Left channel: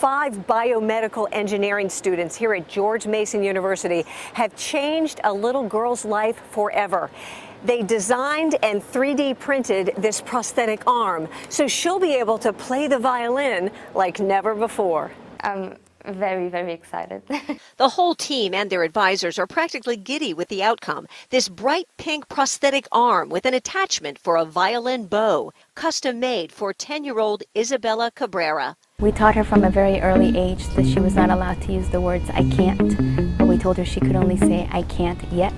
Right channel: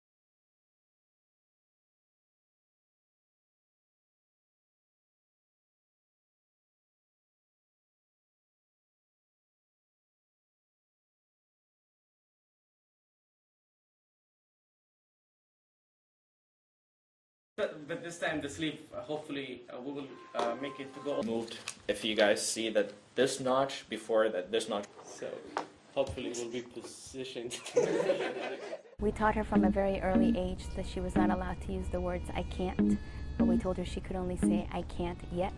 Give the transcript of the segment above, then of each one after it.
5 biomedical engineering students here at George Mason University have changed a little girl's life forever. They designed and 3D printed this prosthetic arm, so she'll be able to play the violin like never before. I'm very, very excited. The whole team and their advisors are practically giddy with the outcome. This bright pink prosthetic arm with an attachment for a violin bow, custom made for 10-year-old Isabella Cabrera. We taught her from a very early age that she was not allowed to use the words "I can't," but we told her she could only say "I can't yet."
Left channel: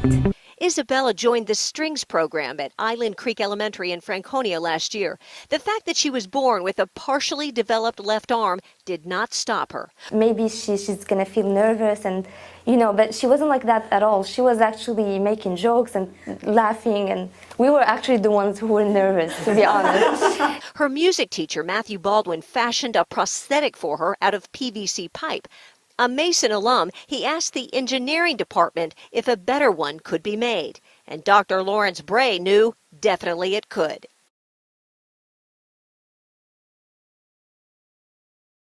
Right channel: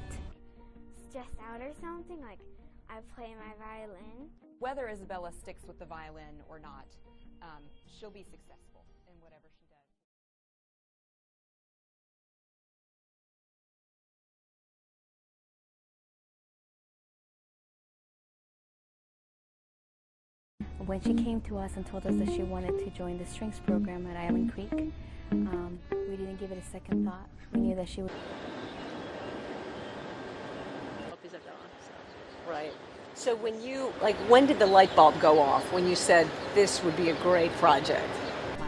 Isabella joined the strings program at Island Creek Elementary in Franconia last year. The fact that she was born with a partially developed left arm did not stop her. Maybe she's going to feel nervous and, but she wasn't like that at all. She was actually making jokes and laughing, and we were actually the ones who were nervous, to be honest. Her music teacher, Matthew Baldwin, fashioned a prosthetic for her out of PVC pipe. A Mason alum, he asked the engineering department if a better one could be made. And Dr. Lawrence Bray knew definitely it could. Like, when did the light bulb go off when you said this would be a great project?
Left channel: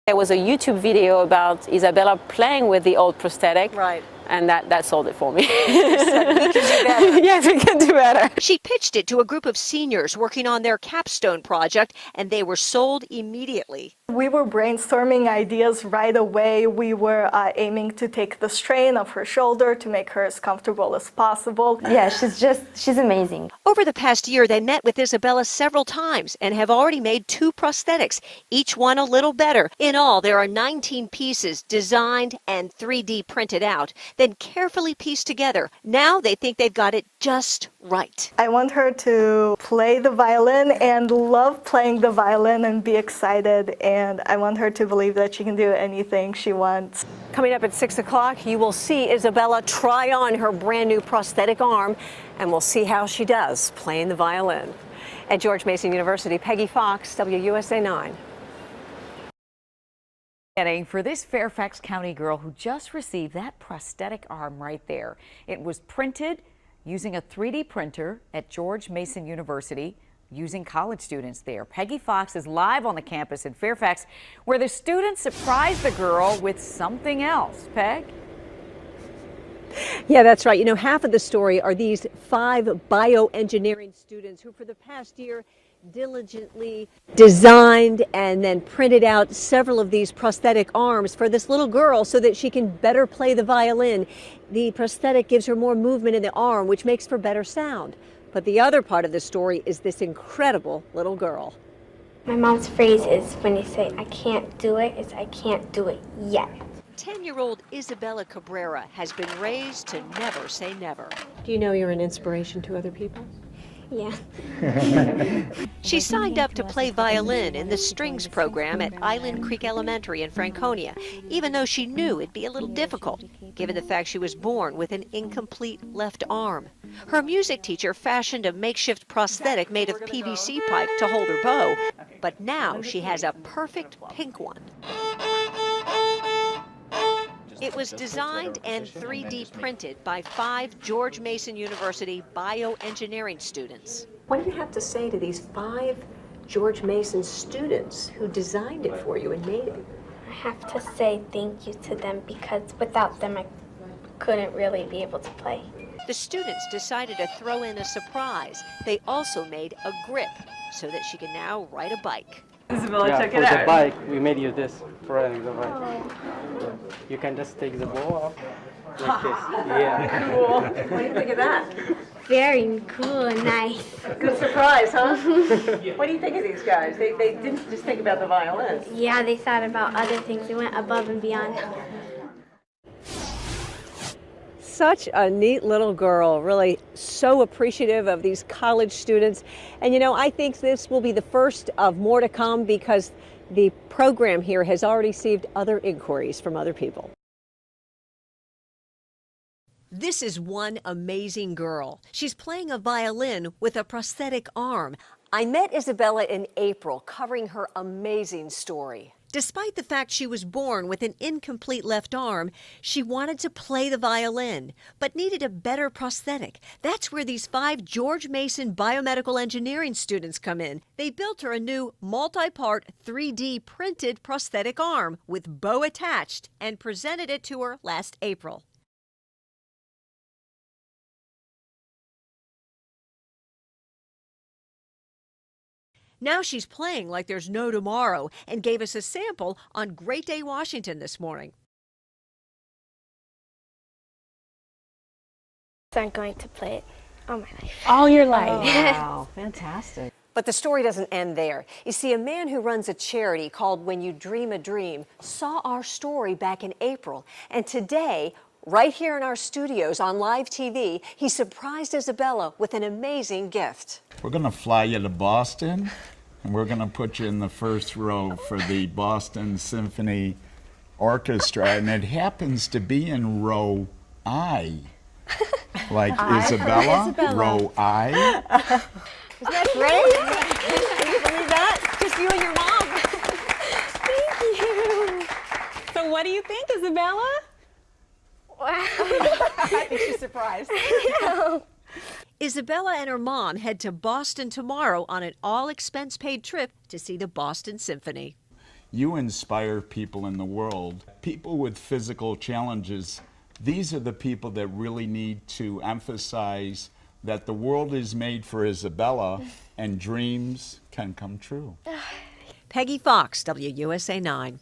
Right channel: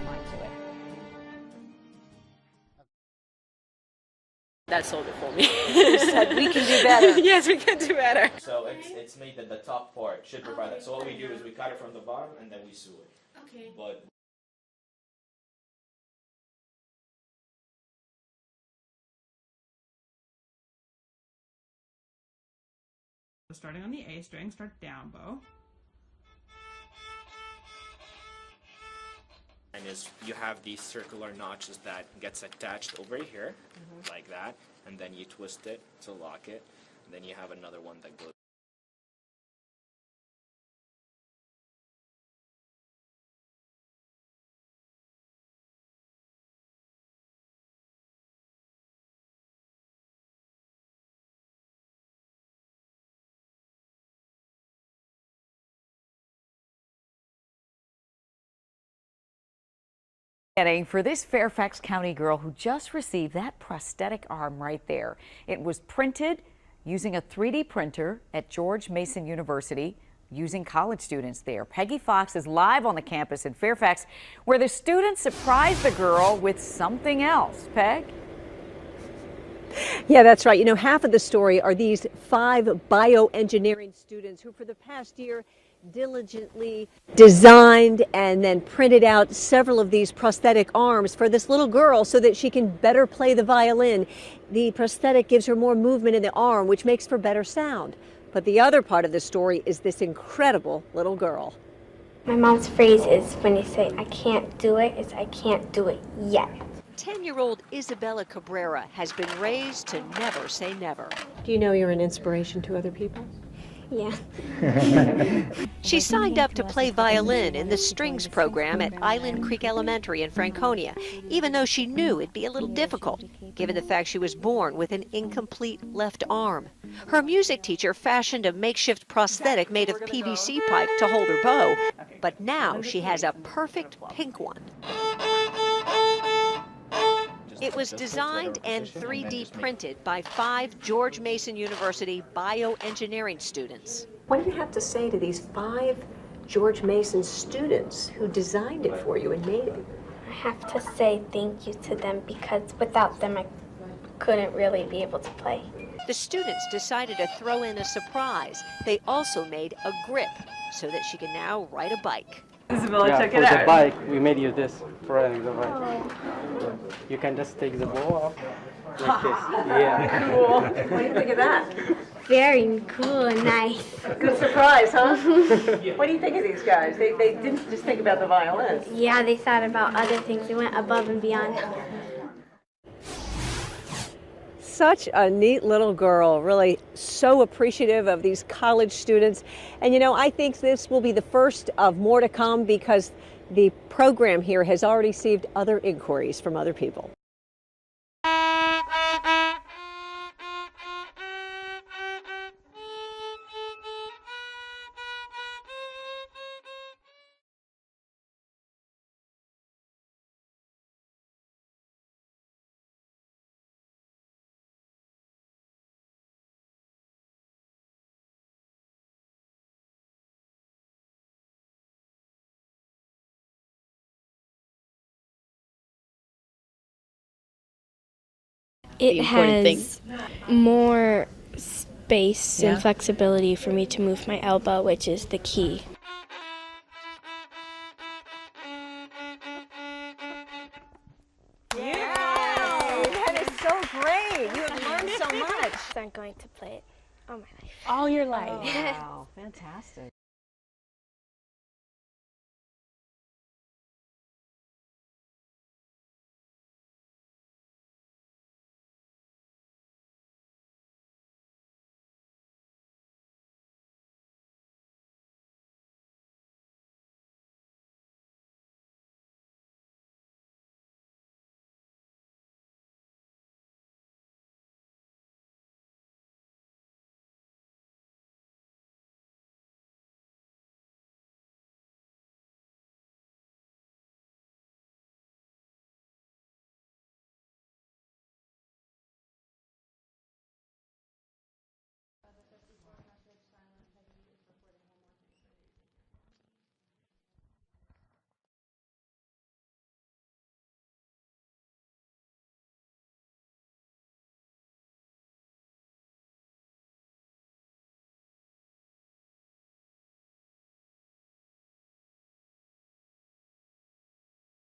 There was a YouTube video about Isabella playing with the old prosthetic. Right. And that sold it for me. You said, we can do better. Yes, we can do better. She pitched it to a group of seniors working on their capstone project, and they were sold immediately. We were brainstorming ideas right away. We were aiming to take the strain off her shoulder to make her as comfortable as possible. Yeah, she's amazing. Over the past year, they met with Isabella several times and have already made 2 prosthetics, each one a little better. In all, there are 19 pieces designed and 3D printed out, then carefully pieced together. Now they think they've got it just right. I want her to play the violin and love playing the violin and be excited, and I want her to believe that she can do anything she wants. Coming up at 6 o'clock, you will see Isabella try on her brand new prosthetic arm, and we'll see how she does playing the violin. At George Mason University, Peggy Fox, WUSA 9. For this Fairfax County girl who just received that prosthetic arm right there. It was printed using a 3D printer at George Mason University, using college students there. Peggy Fox is live on the campus in Fairfax, where the students surprised the girl with something else. Peg? Yeah, that's right. You know, half of the story are these 5 bioengineering students who for the past year diligently designed and then printed out several of these prosthetic arms for this little girl so that she can better play the violin. The prosthetic gives her more movement in the arm, which makes for better sound. But the other part of the story is this incredible little girl. My mom's phrase is, when you say, "I can't do it," it's, "I can't do it yet." 10-year-old Isabella Cabrera has been raised to never say never. Do you know you're an inspiration to other people? Yeah. She signed up to play violin in the strings program at Island Creek Elementary in Franconia, even though she knew it'd be a little difficult, given the fact she was born with an incomplete left arm. Her music teacher fashioned a makeshift prosthetic made of PVC pipe to hold her bow, but now she has a perfect pink one. It was designed and 3D printed by 5 George Mason University bioengineering students. What do you have to say to these 5 George Mason students who designed it for you and made it? I have to say thank you to them, because without them I couldn't really be able to play. The students decided to throw in a surprise. They also made a grip so that she can now ride a bike. Isabella, check it out. out. For the bike, we made you this for riding the bike. Oh. You can just take the ball off like this. Yeah. Cool. What do you think of that? Very cool and nice. Good surprise, huh? What do you think of these guys? They didn't just think about the violin. Yeah, they thought about other things. They went above and beyond. Such a neat little girl, really so appreciative of these college students. And you know, I think this will be the first of more to come, because the program here has already received other inquiries from other people. This is one amazing girl. She's playing a violin with a prosthetic arm. I met Isabella in April, covering her amazing story. Despite the fact she was born with an incomplete left arm, she wanted to play the violin, but needed a better prosthetic. That's where these 5 George Mason biomedical engineering students come in. They built her a new multi-part 3D printed prosthetic arm with bow attached and presented it to her last April. It has more space and flexibility for me to move my elbow, which is the key. Now she's playing like there's no tomorrow and gave us a sample on Great Day, Washington this morning. Yeah! That is so great. You have learned so much. So I'm going to play it all my life. All your life. Oh, wow, fantastic. But the story doesn't end there. You see, a man who runs a charity called When You Dream a Dream saw our story back in April. And today, right here in our studios on live TV, he surprised Isabella with an amazing gift. We're going to fly you to Boston, and we're going to put you in the first row for the Boston Symphony Orchestra, and it happens to be in row I. Like Isabella, row I. Isn't that great? Can you believe that? Just you and your mom. Thank you. So what do you think, Isabella? Wow. I think she's surprised. No. Isabella and her mom head to Boston tomorrow on an all-expense-paid trip to see the Boston Symphony. You inspire people in the world. People with physical challenges, these are the people that really need to emphasize that the world is made for Isabella and dreams can come true. Peggy Fox, WUSA 9.